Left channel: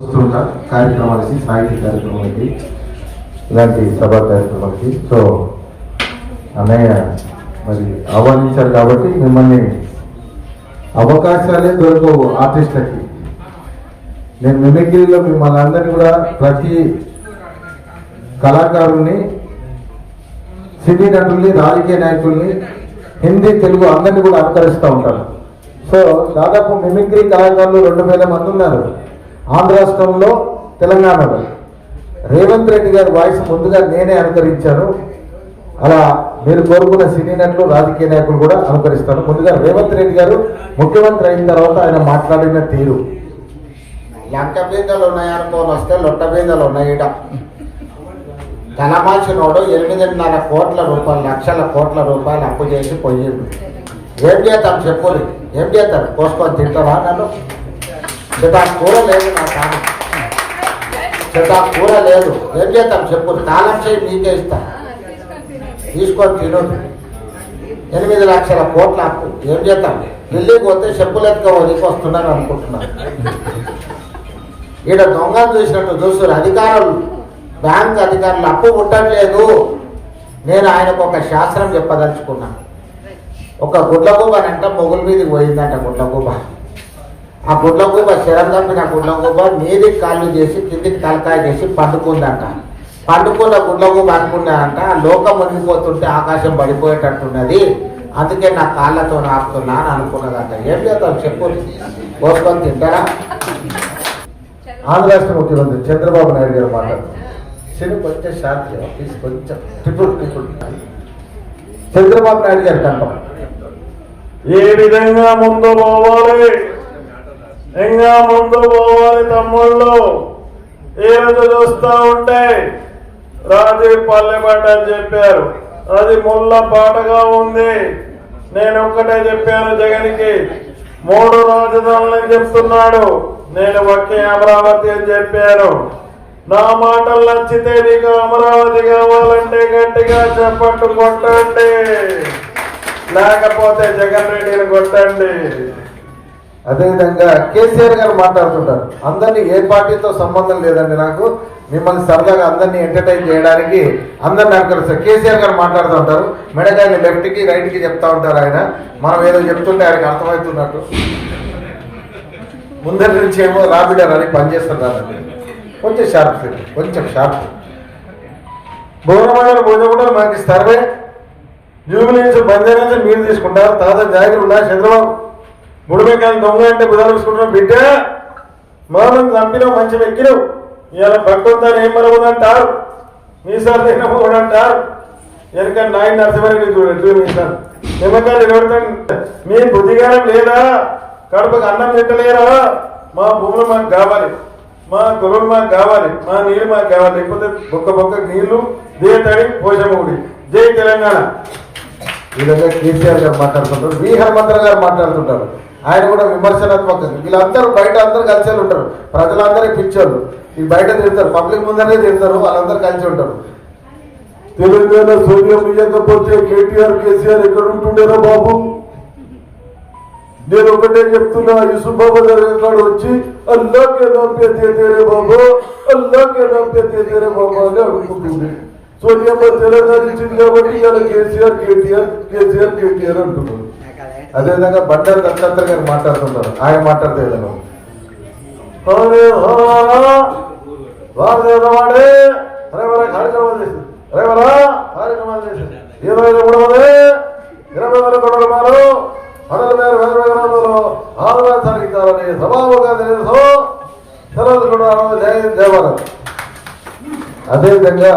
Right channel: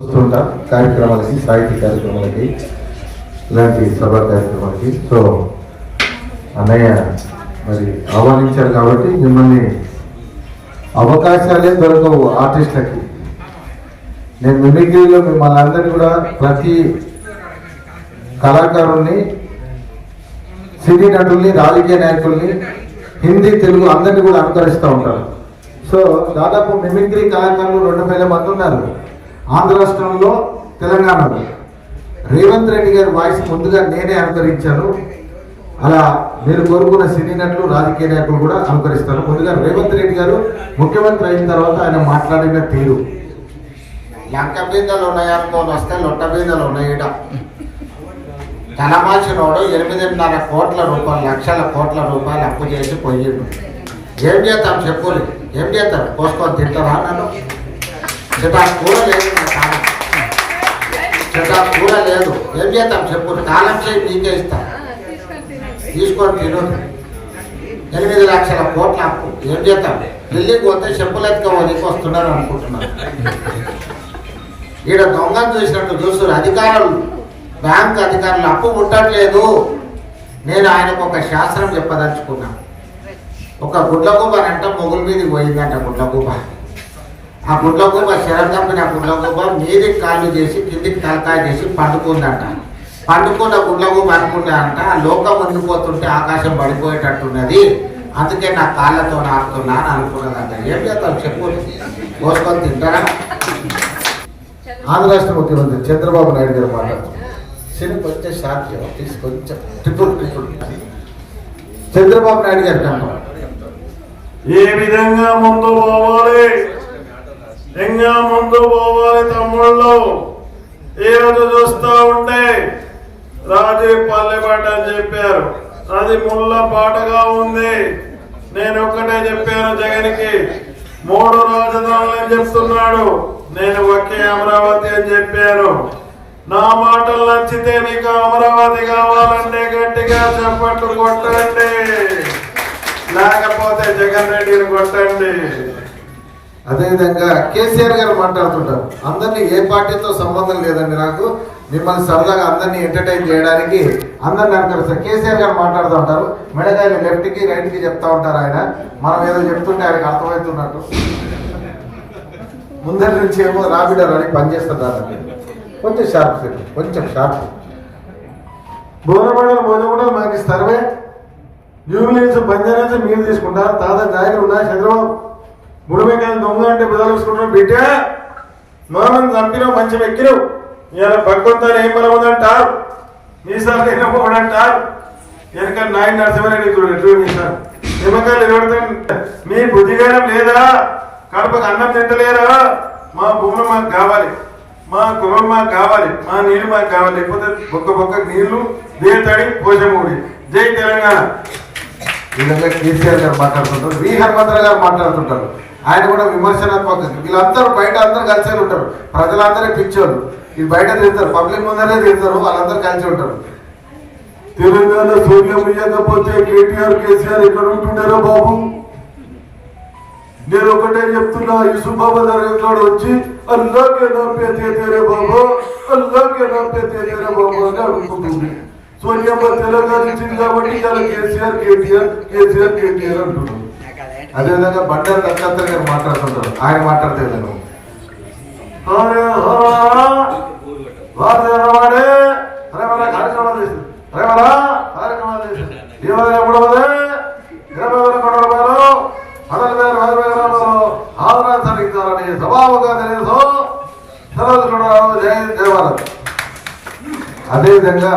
వస్తుంటా కార్యక్రమాలకి సాహిత్య కార్యక్రమాలకి ఇలాంటి సభా కార్యక్రమాలకి. సో అన్నయ్య మరి ఆహ్వానించారు కాబట్టి మిమ్మల్ని అవకాశాలే దొరకవు ఆర్టిస్టులకి. నేను మిమిక్రీలో మిమ్మల్ని అందరినీ కూడా ప్రతి కళాకారుల్ని, సినీ నటుల్ని, రాజకీయ నాయకుల్ని, హిందీ తెలుగు అందరినీ కూడా అనుకరిస్తూ ఉంటారు. సో దాదాపు మిమిక్రీ కళాకారులు 2000 మంది ఉన్నారు ఆంధ్ర రాష్ట్రంలో, తెలంగాణలో. రేవంత్ రెడ్డి గారి వాయిస్ ముందుగా నేనే అనుకరించాను. అలా మీరు కోరుకున్న సినీ నటులు, రాజకీయ నాయకులు కూడా అనుకరిస్తారు. ముందుగా రేవంత్ రెడ్డి గారు ముఖ్యమంత్రి అయిన తర్వాత ఆయన మాట్లాడిన తీరు, లంక బీదలు ఉన్నాయనుకో వస్తే లొట్ట బీదలు ఉన్నాయి. ధనమాసినోడు 8.5 కోట్ల రూపాయలు, లక్షల కోట్ల రూపాయలు అప్పు చేసి పోయిండు. ఏం చేస్తాం చెప్పులు? ఏం చేస్తారు? కోసుకొని తింటారా? నన్ను చెట్టా కూర లేదు, నా కాలం చెట్టా కూర లేదు. ఏం చేస్తాం చెప్పులు? కాలం చేయి మీకే ఇస్తాం, తీసుకొని తినదు. 8 లక్షల కోట్ల అప్పు ఏం చేద్దాం? ఢిల్లీకి పోతే చెప్పులు ఎత్తుకోవాలి వస్తున్నారు అనుకుంటున్నారు. ఈడ దొంగను చూసినట్టు చూస్తున్నారు అధికారులు, బ్యాంక్ అధికారులు. అప్పు ముట్టట్లేదు. నేను ఆయనకు ఒక శాస్త్రం చెప్పదలుచుకున్నా. ఒక గుడ్లగూబ అంట మొగుల మీదకి పోయిందంట. గుడ్లగూబ, ఆ గుడ్లగూబ శరం తప్పిన గుడ్లగూబ మీదికి కాళ్ళు చేసి కిందికి తలకాయ చేసి పండుకుందంట. పండుకున్న గుడ్లగూబ అనుకున్నాడంట, లోకం మునిగిపోతుంటే ఆకాశం పడిపోయేటట్టున్నది, అందుకే నా కాళ్ళతో నాకుతున్నా అని అనుకున్నదంట. ఏం చేద్దాం చెప్పు? కోసుకొని తింటారా? ఆంధ్ర రాష్ట్ర ముఖ్యమంత్రి చంద్రబాబు నాయుడు గారు మాట్లాడుతున్నారు. సినీ కొంచెం షార్ట్ తీసి కొంచెం ట్రిపుల్ చంద్రబాబు నాయుడు గారి కంట ఏ విధంగా ముందు పోవాలి, ఇంకా ముందు పోవాలి తమ్ముళ్ళు. ఏ రోజు చూస్తూ ఉంటే రాజీవ్ పల్లెపాట అని చెప్పారు, అది ముళ్ళ పాటగా ఉంది. నేను ఒక్కటే చెప్పాను జగన్కి, 3 రాజధానులు అని చెప్తున్నాడు, నేను ఒకే అమరావతి అని చెప్పాను. నా మాటలు నచ్చితే నీకు అమరావతి కావాలంటే గట్టిగా చెప్పట్టు కొట్టండి, లేకపోతే జగన్ రెడ్డిని కొట్టండి. అదేవిధంగా కేసీఆర్ గారు మాట్లాడుతుంటారు, అందరినీ ఏ పార్టీతో సంబంధం లేదండి, నాకు మిమ్మల్ని సరదాగా అందరినీ ఎంటర్టైన్ చేయడానికి అందరినీ అనుకరిస్తారు. కేసీఆర్ గారు మాట్లాడుతూ ఉంటారు, మెడగారి లెఫ్ట్కి రైట్కి చెప్తా ఉంటారు. ఆయన మనం ఏదో చెప్తుంటే ఆయనకి అర్థమవుతున్నట్టు ముందరి నుంచి ఏమో రాబిడర్ అని పనిచేస్తున్నారండి. కొంచెం షార్ప్, కొంచెం షార్ప్. భువనమండలి కూడా మనకి సర్వే జూబిలీన్స్ బందైనా మీరు తీసుకుంటారు. తాత జాగ్రత్త ఉన్నా చంద్రబాబు 3 మెకాయలు దొంగ అంటే బుధాలు బిడ్డ మనం చంపిన మంచి వ్యక్తులు ఇలా పక్కొద్దని ఏం బలవుదంటారు, మీసాలు తిన పోడంటారు. ఎందుకంటే నాయన నరసింహారెడ్డి చూడండి సార్ నిమ్మకాయలు చూడతాం. మీ బుద్ధిగానం లేదా? కడుపుకు అన్నం తింటలేరా? మా భూములు మాకు కావాలి, మా కులం మాకు కావాలి, మా నీళ్ళు మాకు కావాలి, లేకపోతే బొక్క నీళ్లు దేతడి పోషమూడి. జై తెలంగాణ. ఈ విధంగా కేసీఆర్ గారు మాట్లాడుతుంటారు, వి హనుమంతరావు గారు మాట్లాడుతుంటారు. ఆయన కూడా విమర్శనాత్మకంగా వీళ్ళందరూ బయట అందరూ కలిసి ఉంటారు. ప్రజలందరూ పిచ్చోళ్ళు, ఇది బయట తిరుగుతారు, పబ్లిక్ ముందరే తిరుగుతారు, వాళ్ళందరూ కలిసి ఉంటారు. తెలంగాణ సోనియా పోతే కేటీఆర్ కేసీఆర్ ఎక్కడ ఉంటుండేరా బాబు? నేను ఒకటే చెప్తున్నా, యూసుఫాబా దర్గాలో వచ్చి అల్లాకే నామ్ పే తేరే బాబు, అల్లాకే నామ్ పే తేరే బాబు అని అడుగుతుంది. సోనియా తెలంగాణ ఇచ్చింది కాబట్టి ఇలా కేసీఆర్ కేటీఆర్ అంటున్నారు. అదేవిధంగా బండారు దత్తాత్రేయ గారు మాట్లాడుతుంటారు, ఆయన మాట్లాడితే కార్యక్రమాలు చేసింది ఏమైనా కూడా ఆంధ్రాన్ని సభాముగా తెలియదు. అదేవిధంగా